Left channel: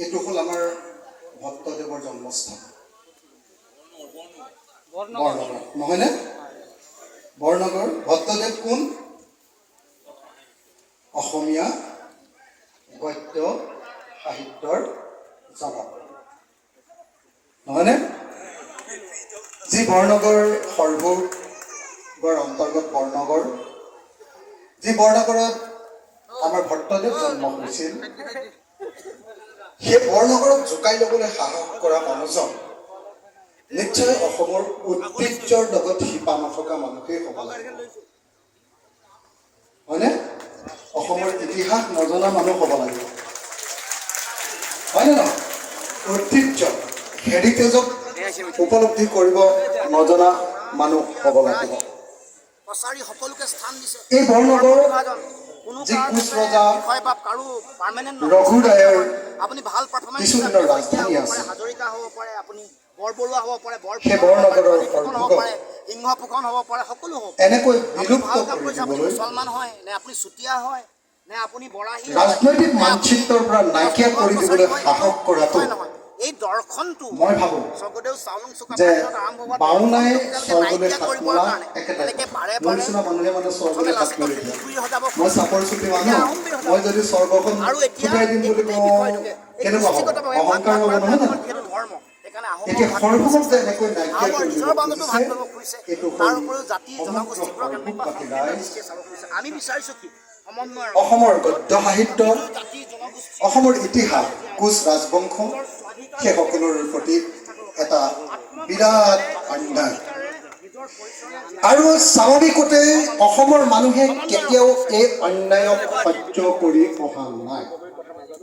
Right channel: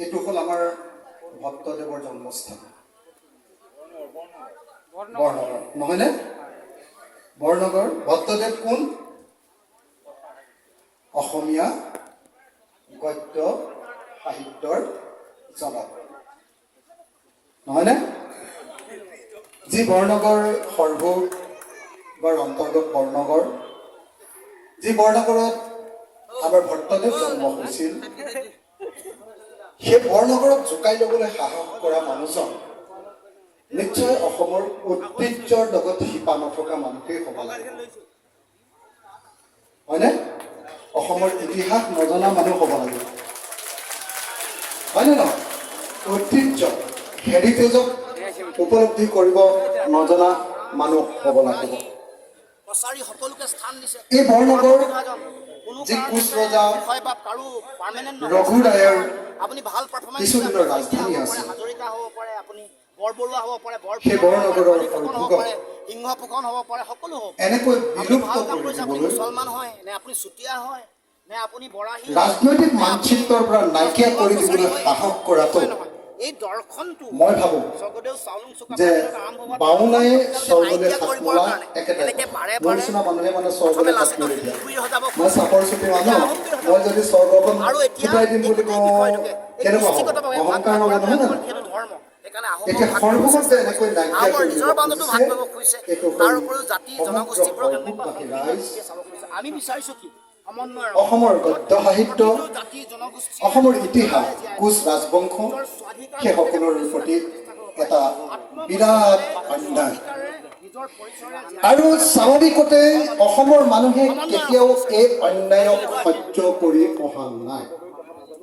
এইটো হ'ল আমাৰ ভট্টদেৱৰ জন্মস্থান বৰনগৰ নহয়নে বৰনগৰ ভট্টদেৱ কোন অসমীয়া গদ্য সাহিত্যৰ জনক নহয়নে যি বৰনগৰ সৰ্বগৰ অন্তৰ্গত বৰনগৰ যি বৰনগৰত আমাৰ ভট্টদেৱ জন্ম হৈছিল সেই বৰনগৰক জোকাই ল'বলৈ সাহস কৰা মানুহজন নিশ্চয় অসমৰ ঐতিহ্যৰ লগত শিপা নথকা মানুহেই হ'ব লাগে হয়নে অসমৰ ইতিহাস নজনা মানুহ হ'ব লাগে হয়নে নহয় ঐতিহ্য হেৰিটেজক উপলব্ধি কৰিব নজনা মানুহ হ'ব লাগিব এই বৰনগৰ যি কোচ ৰজা ৰঘু ৰায়ৰ কিছুদিনৰ ৰাজধানী আছে সেই বৰনগৰৰ সিংহ ফুকন হ'ব পাৰে সকলো হ'ব এনেকৈ মুছলমান হয় নে আপুনি চুতীয়া হয় নে আপুনি বৰাহী ৰাজনৈতিক মানচিত্ৰৰ পৰা নাইকিয়া কৰি দিবলৈ সাহস কৰাটো এই দৰ্শনটো মই ভাবোঁ স্বৰ্গদেউ চাওলুং চুকাফাৰ যে আৰম্ভ হোৱা বাওনাই স্বৰ্গলৈ নাইকিয়া হাত কৰিবৰ মৰা কাৰণে একেবাৰে এনেকে বাৰে মোৰ বাৰে নিচিনা মানুহে মানে প্ৰথমে স্বৰ্গলৈ হাত লাচিত মেলি শিলপুৰি সজাব মই চাপৰ চুটি মানুহ মই যদি স্বৰ্গখন আৰু এতিয়া ফুটাই দিম এই বুলি গোটেই কওঁ বিষয়টোকে এই কেনেকুৱা হ'ব গোষ্ঠীগতভাৱে ভাগ অহংকাৰ ভাগ হ'ব কৰাটো নহয় জানো যিহেতু ধৰ্ম সেইকাৰণে এতিয়া সৰ্বভূক যে এনেকৈ নাইকিয়া আহোমৰ কৰি নিজৰ দিব বান্ধটো ভাগ খুজিছে কৰিব খুজিছে এইটো তাৰ হ'ল উপৰিও জাতি সমগ্ৰ জনগোষ্ঠীবোৰক এনেকুৱা সৰ্বভূকবাসী সম্পূৰ্ণ ৰাইজ দৃষ্টিৰে চাব খুজিছে আমি বিচাৰিছোঁ কি সমন্বয়ৰ অসমৰ গদ্য সাহিত্য জাতি জনগোষ্ঠী অসমৰ ইতিহাস কোচ ৰাজবংশ সেই সকলোৰে প্ৰতি এটা বিৰাট অন্যায় আৰু স্বাভাৱিকতে অসমৰ মানুহে কেতিয়াও এই অন্যায়ক সহ্য কৰি অহা নাই